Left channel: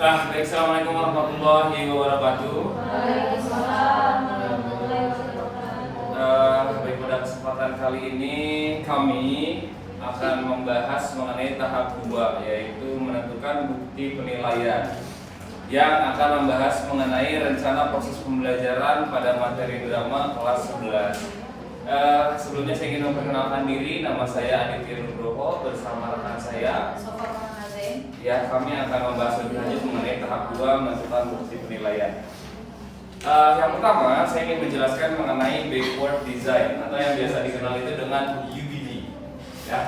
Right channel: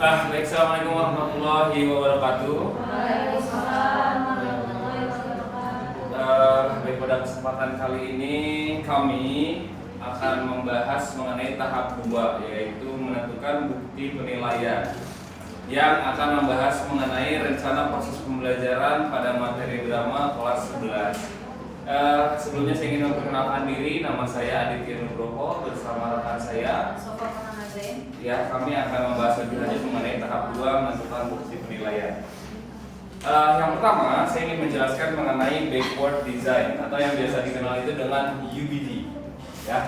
Baik, assalamualaikum warahmatullahi wabarakatuh. Baik, pada kesempatan kali ini kami akan membahas mengenai tahap 2, yaitu menentukan bukti penilaian, yang akan membahas mengenai rencana proses pembelajaran pada materi drama kelas 11. Sebelumnya saya ingin memperkenalkan diri, nama saya Aditya Nugroho bersama rekan saya ya, kami akan membahas lebih lanjut mengenai tahap 2 menentukan bukti penilaian. Yang pertama, saya ingin menjelaskan mengenai backward design atau yang biasa dikenal itu dengan UBD. Ya.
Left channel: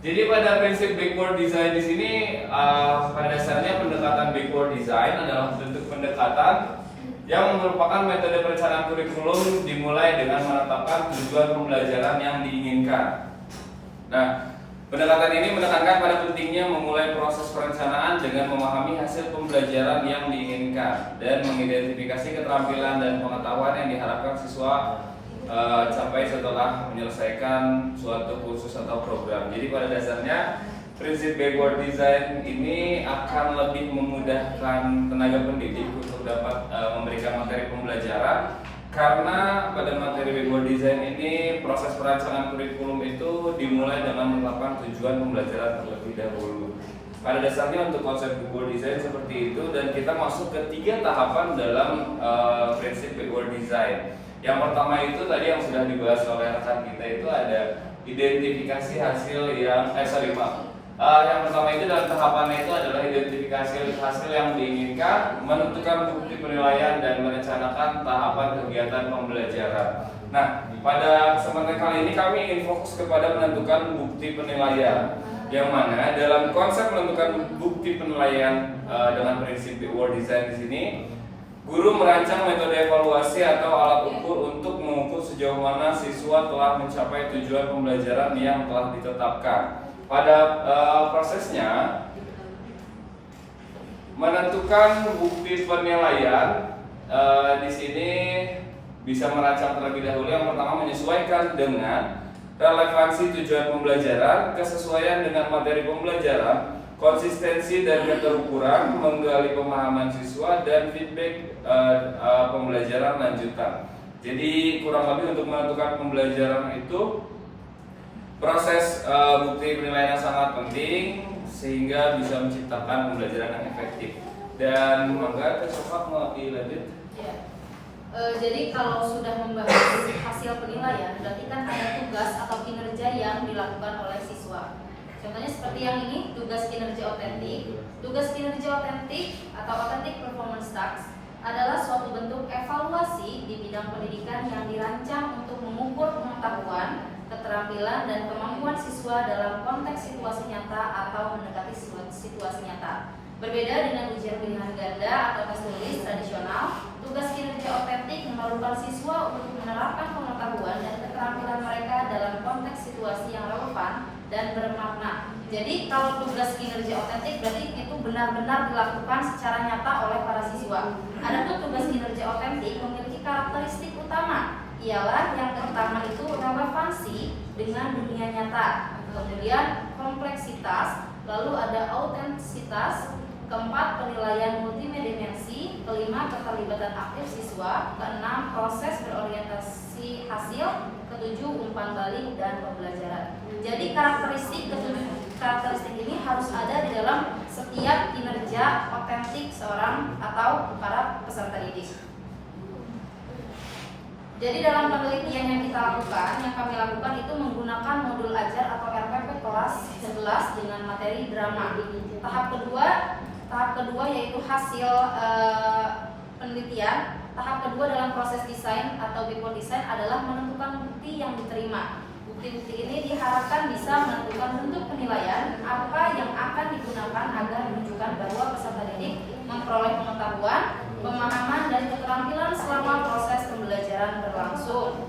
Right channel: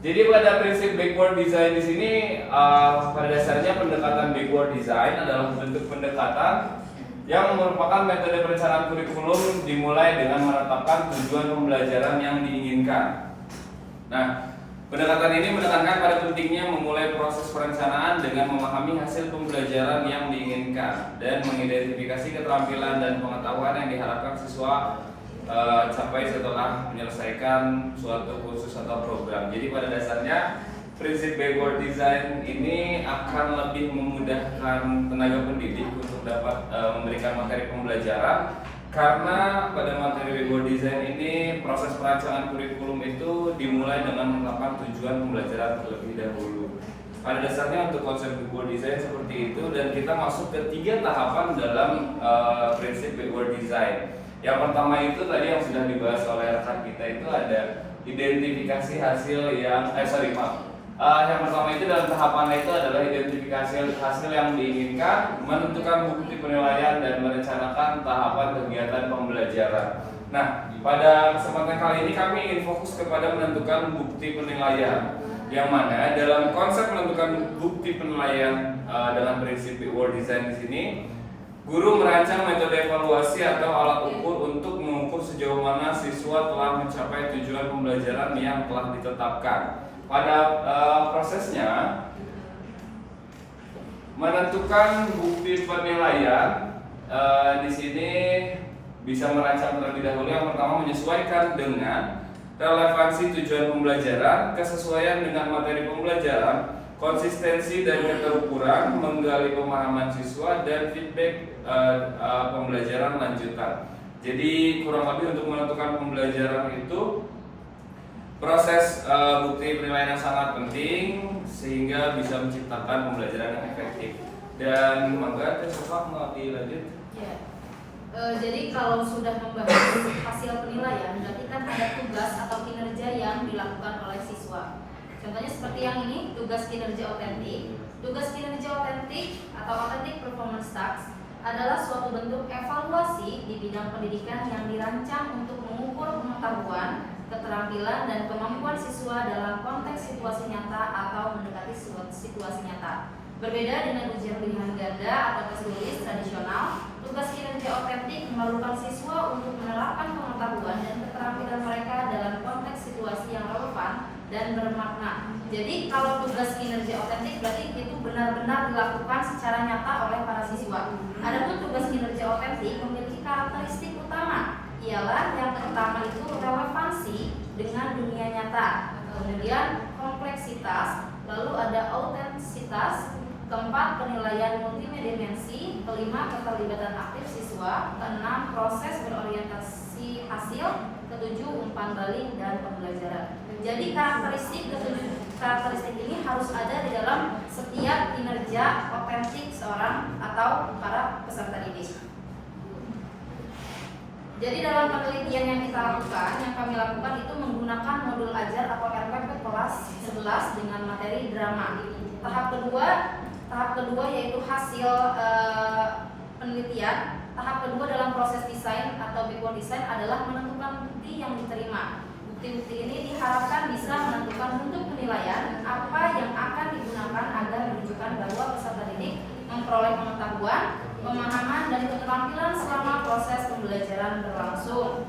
Jadi pada prinsip backward design di sini, pada dasarnya pendekatan backward design adalah bentuk pendekatan yang merupakan metode perencanaan kurikulum dimulai dengan menetapkan tujuan pembelajaran yang diinginkan. Nah, pendekatan ini menekankan pada pentingnya memulai proses perencanaan dengan memahami hasil pembelajaran yang diinginkan dan mengidentifikasi keterampilan dan pengetahuan yang diharapkan siswa capai setelah menyelesaikan suatu kursus atau program. Jadi pada dasarnya prinsip backward design ini akan lebih memudahkan tenaga pendidik untuk dapat memberikan materi pembelajaran, karena pada materi backward design ini proses perancangan kurikulum itu dimulai dengan menetapkan tujuan pembelajaran terlebih dahulu. Pada dasarnya untuk konsep backward design seperti itu, dan kita masuk ke 3 tahapan dalam prinsip backward design. Yang pertama itu tadi yang sudah dibahas oleh rekan kita, itu ada identifikasi hasil yang yang pertama itu dalam tahapannya itu adalah identifikasi hasil yang diinginkan, menentukan bukti penilaian, dan merencanakan tahapan kegiatan pembelajaran. Nah, pada kesempatan kali ini kami ingin fokus kepada menentukan bukti penilaian, yang mana dalam konsep menentukan bukti penilaian dengan prinsip backward design di sini, guru merancang metode evaluasi atau alat ukur untuk mengukur sejauh mana siswa telah mencapai tujuan pembelajaran yang telah ditetapkan. Pada prosesnya, menentukan bukti penilaian di sini bisa merancang terlebih dahulu. Yang pertama, menyesuaikan dengan relevansi tujuan pembelajaran, kesesuaian dengan materi pembelajaran, konsistensi dan keterukuran, menggali pemahaman siswa, dan feedback pembelajaran lanjutan. Jadi kurang lebih untuk menentukan pembelajaran itu proses bukti penilaian yang sangat penting sehingga bisa menciptakan pembelajaran yang efektif. Dan mangga coba mau dilanjut. Ya. Jadi kalau sudah membahas hasil penilaian, berarti kan ada tugas atau kinerja yang dilakukan oleh siswa. Contohnya seperti yang ini, tugas kinerja otentik. Tugas kinerja otentik atau authentic performance task adalah suatu bentuk evaluasi di bidang pendidikan yang dirancang untuk mengukur pengetahuan, keterampilan, dan kemampuan siswa dalam konteks situasi nyata atau mendekati situasi nyata. Berbeda dengan ujian pilihan ganda atau tes tulis tradisional, tugas kinerja otentik memerlukan siswa untuk menerapkan pengetahuan dan keterampilan mereka dalam konteks situasi yang relevan dan bermakna. Jadi kalau tugas kinerja otentik berarti itu benar-benar dilakukan secara nyata oleh para siswa. Adapun tugas kinerja otentik memiliki karakteristik utama, ialah yang pertama itu relevansi dengan dunia nyata, kemudian kompleksitas, lalu ada autentisitas, keempat penilaian multidimensi, kelima keterlibatan aktif siswa, keenam proses berorientasi hasil, ketujuh umpan balik dan pembelajaran. Jadi karakteristik ini harus ada di dalam setiap kinerja otentik seorang atau para peserta didik. Jadi dalam penelitian yang kami lakukan itu menggunakan modul ajar atau RPP kelas 11 dengan materi drama. Tahap kedua yaitu hasil penelitian. Tahap kedua dalam proses desain atau backward design adalah menentukan bukti yang diterima. Bukti-bukti ini diharapkan bisa menentukan bentuk penilaian apa yang akan digunakan agar menunjukkan bahwa peserta didik memperoleh pengetahuan, pemahaman, dan keterampilan selama proses pembelajaran berlangsung.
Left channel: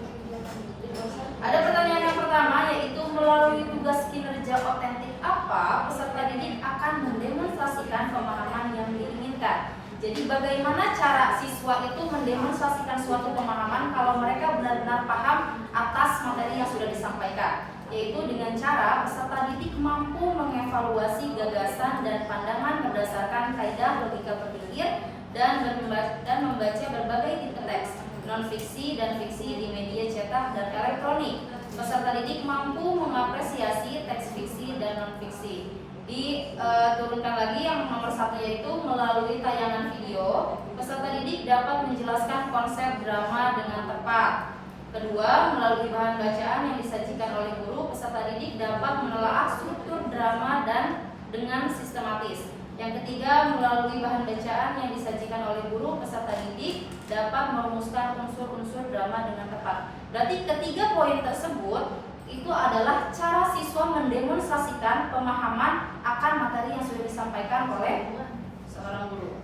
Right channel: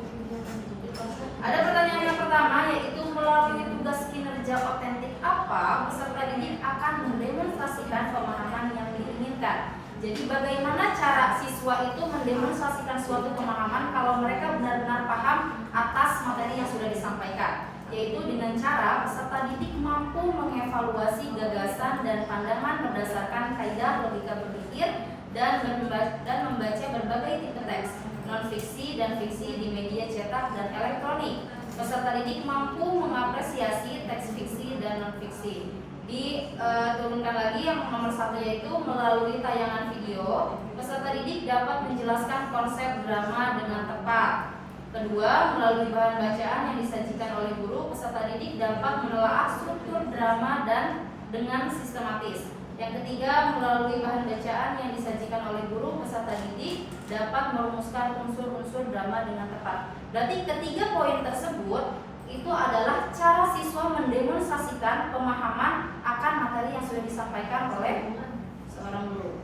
Ada pertanyaan yang pertama, yaitu melalui tugas kinerja otentik apa peserta didik akan mendemonstrasikan pemahaman yang diinginkan. Jadi bagaimana cara siswa itu mendemonstrasikan suatu pemahaman kalau mereka benar-benar paham atas materi yang sudah disampaikan. yaitu dengan cara peserta didik mampu mengevaluasi gagasan dan pandangan berdasarkan kaidah logika berpikir dan membaca berbagai tipe teks, non-fiksi dan fiksi di media cetak dan elektronik. Peserta didik mampu mengapresiasi teks fiksi dan non-fiksi. Diturunkan lagi yang nomor 1, yaitu melalui tayangan video, peserta didik dapat menjelaskan konsep drama dengan tepat. Kedua, melalui bahan bacaan yang disajikan oleh guru, peserta didik dapat menelaah struktur drama dan dengan sistematis. Yang ketiga, melalui bahan bacaan yang disajikan oleh guru, peserta didik dapat merumuskan unsur-unsur drama dengan tepat. Berarti ketiga poin tersebut itu adalah cara siswa mendemonstrasikan pemahaman akan materi yang sudah disampaikan oleh seorang guru.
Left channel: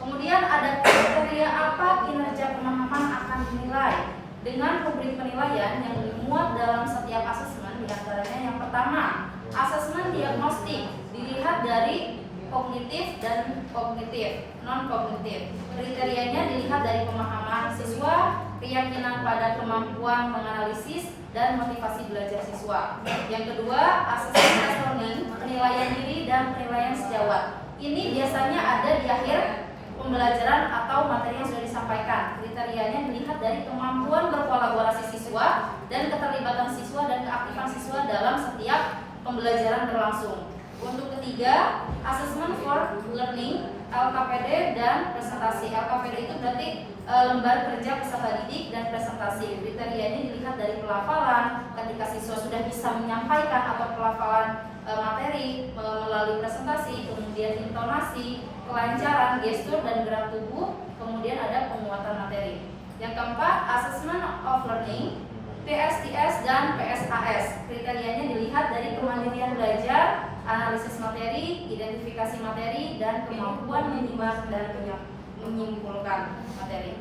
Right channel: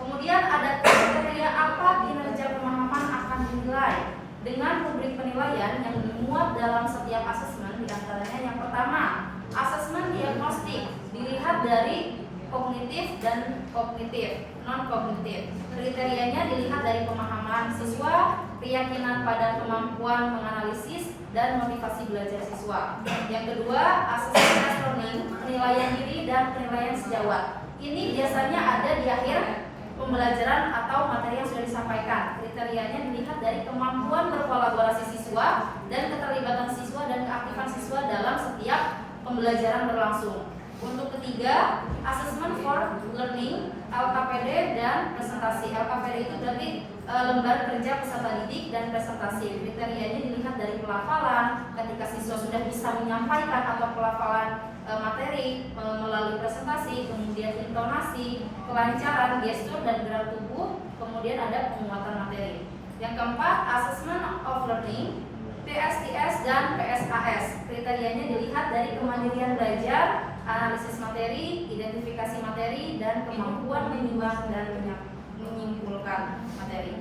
Kemudian ada kriteria apa kinerja pemahaman akan dinilai. Dengan rubrik penilaian yang dimuat dalam setiap asesmen, diantaranya yang pertama, asesmen diagnostik dilihat dari kognitif dan kognitif, non-kognitif. Kriterianya dilihat dari pemahaman siswa, keyakinan pada kemampuan menganalisis, dan motivasi belajar siswa. Yang kedua, asesmen learning, penilaian diri dan penilaian sejawat. Ini biasanya ada di akhir pembelajaran atau materi yang sudah disampaikan. Kriterianya dilihat dari kemampuan berkolaborasi siswa dan keterlibatan siswa dan keaktifan siswa dalam setiap pembelajaran berlangsung. Untuk ketiga, assessment for learning, LKPD dan presentasi. LKPD itu berarti lembar kerja peserta didik dan presentasi. Kriterianya dilihat dari pelafalan, ketika siswa sudah bisa menyampaikan atau pelafalan materi melalui presentasi, kemudian intonasi, kelancaran, gestur dan gerak tubuh, kemudian ada penguatan materi. Yang keempat, assessment of learning, PSTS dan PSAS. Kriterianya dilihat dari kemandirian belajar, analisis materi, identifikasi materi, dan kemampuan menimbang dan menyimpulkan materi.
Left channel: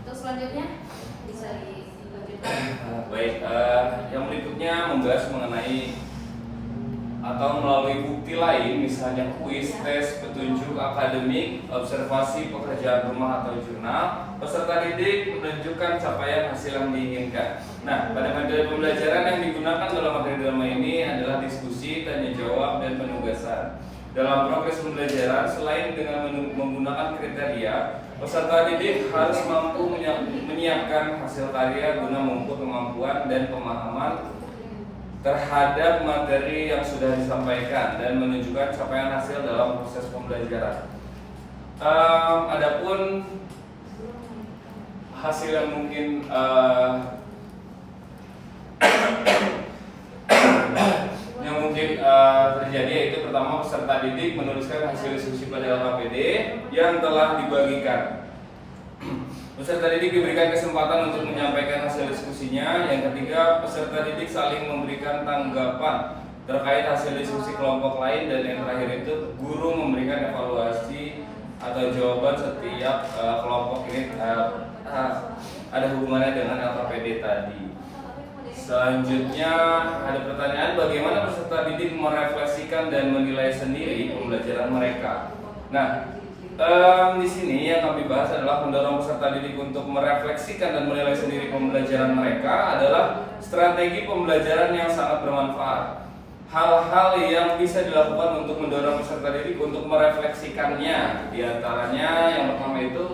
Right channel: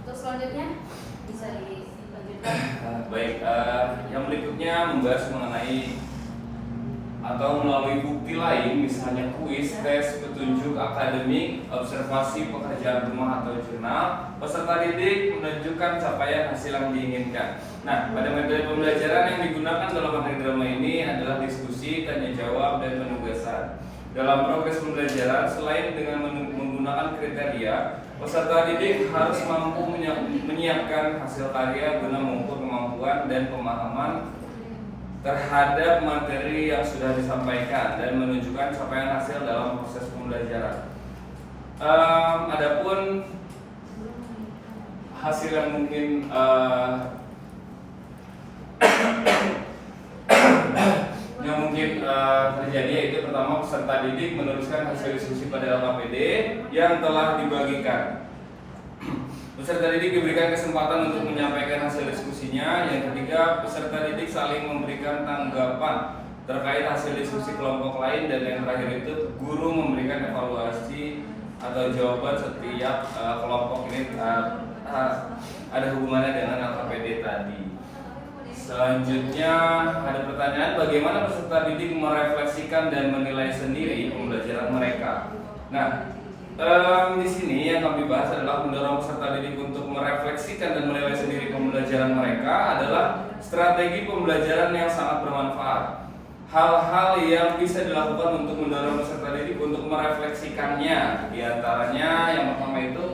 Untuk selanjutnya bisa dilanjutkan. Baik, yang berikutnya membahas mengenai atau melalui bukti lain, misalnya kuis, tes, petunjuk akademik, observasi, pekerjaan rumah atau jurnal, peserta didik menunjukkan capaian hasil yang diinginkan. Nah, pada materi pembelajaran yang digunakan dalam materi drama ini adalah diskusi, tanya jawab, dan penugasan. Dalam progres pembelajaran, selain dengan menggunakan kriteria, peserta didik harus mampu menyiapkan hasil karya guna mengukur kemampuan dan pemahaman terhadap materi yang sudah disampaikan dan menunjukkan capaian hasil dalam proses pembelajaran. Adapun hasil yang mungkin terjadi yaitu pertama, peserta didik menuliskan hasil diskusi pada LKPD yang telah dibagikan. Peserta didik diberikan kesempatan untuk menyampaikan hasil diskusinya. Yang ketiga, peserta didik saling memberikan tanggapan terkait hasil diskusi kelompok lain. Dan yang terakhir itu, guru memberikan evaluasi atau jawaban setiap kelompok ini ada hubungannya dengan LKPD tadi. Selanjutnya ada pertanyaan, bagaimana peserta didik merefleksikan dan menilai sendiri pembelajaran mereka. Nah, di sini yang kami bahas adalah mendorong peserta didik untuk merefleksikan dan menilai sendiri pembelajaran mereka adalah strategi pembelajaran yang sangat bermanfaat. Hal-hal yang bisa dilakukan untuk mendorong peserta didik untuk merefleksikannya, di antaranya yang pertama itu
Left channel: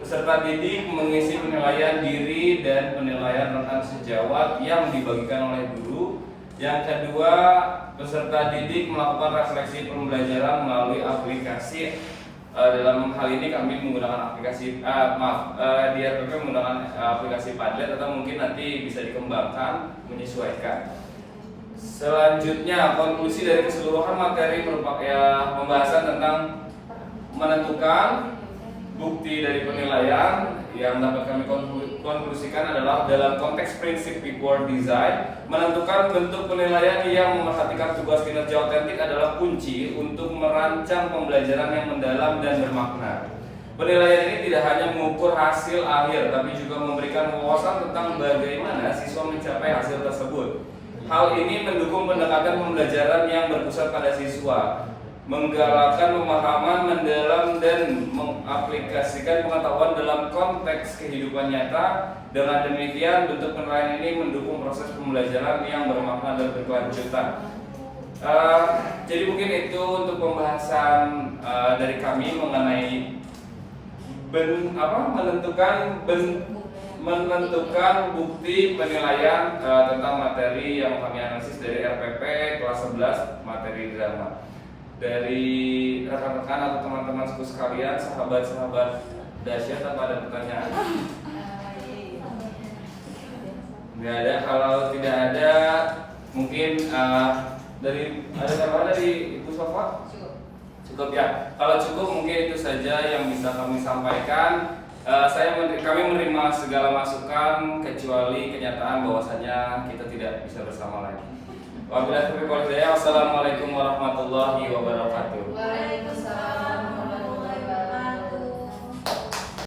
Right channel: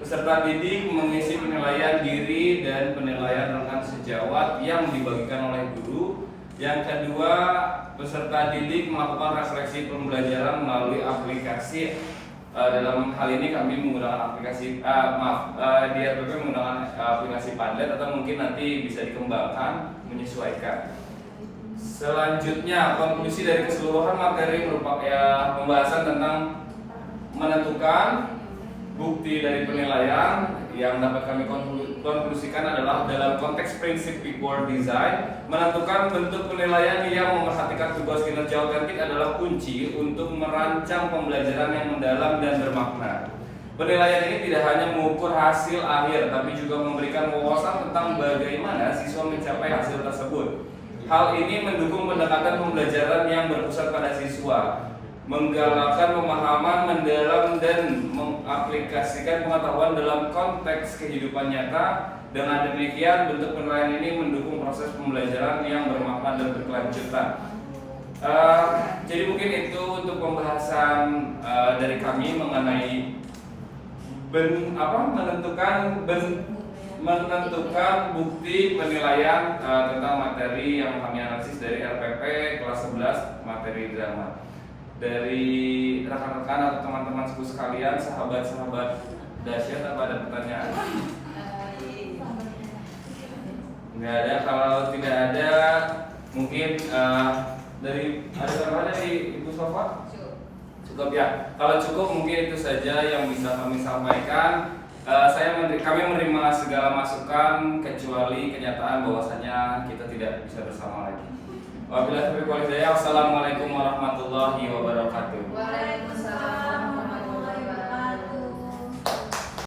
peserta didik mengisi penilaian diri dan penilaian rekan sejawat yang dibagikan oleh guru. Yang kedua, peserta didik melakukan refleksi pembelajaran melalui aplikasi. Dalam hal ini kami menggunakan aplikasi di RPP menggunakan aplikasi Padlet, atau mungkin nanti bisa dikembangkan menyesuaikan. Selanjutnya, konklusi dari keseluruhan materi merupakan pembahasan tentang menentukan bukti dari penilaian. Yang dapat kami konklusikan adalah dalam konteks prinsip before design, menentukan bentuk penilaian yang memerhatikan tugas kinerja otentik adalah kunci untuk merancang pembelajaran yang mendalam dan bermakna. Penilaian ini tidak hanya mengukur hasil akhir, tapi juga memberikan wawasan tentang bagaimana siswa mencapai hasil tersebut. Hal ini mendukung pendekatan pembelajaran yang berpusat pada siswa, menggalakkan pemahaman mendalam dan mengaplikasikan pengetahuan dalam konteks kehidupan nyata, Dengan demikian, bentuk penilaian ini mendukung proses pembelajaran yang bermakna dan berkelanjutan. Jadi mungkin itu untuk pembahasan dari kami mengenai menentukan bukti penilaian tentang materi yang kami analisis dari RPP kelas 11 materi drama. Dari rekan-rekan atau teman-teman suku sekalian, sahabat-sahabat dahsyat, apa ada pertanyaan? Nggak ada. Kalau tidak ada, mungkin dari ada tambahan dari Ibu Sofa? Cukup ya. Kalau cukup mungkin itu saja yang bisa kami sampaikan. Kami menerima segala masukan kecuali kenyataan bahwasanya kita tidak bisa bersama lagi. Wabillahi taufiq wal hidayah. Wassalamualaikum warahmatullahi wabarakatuh.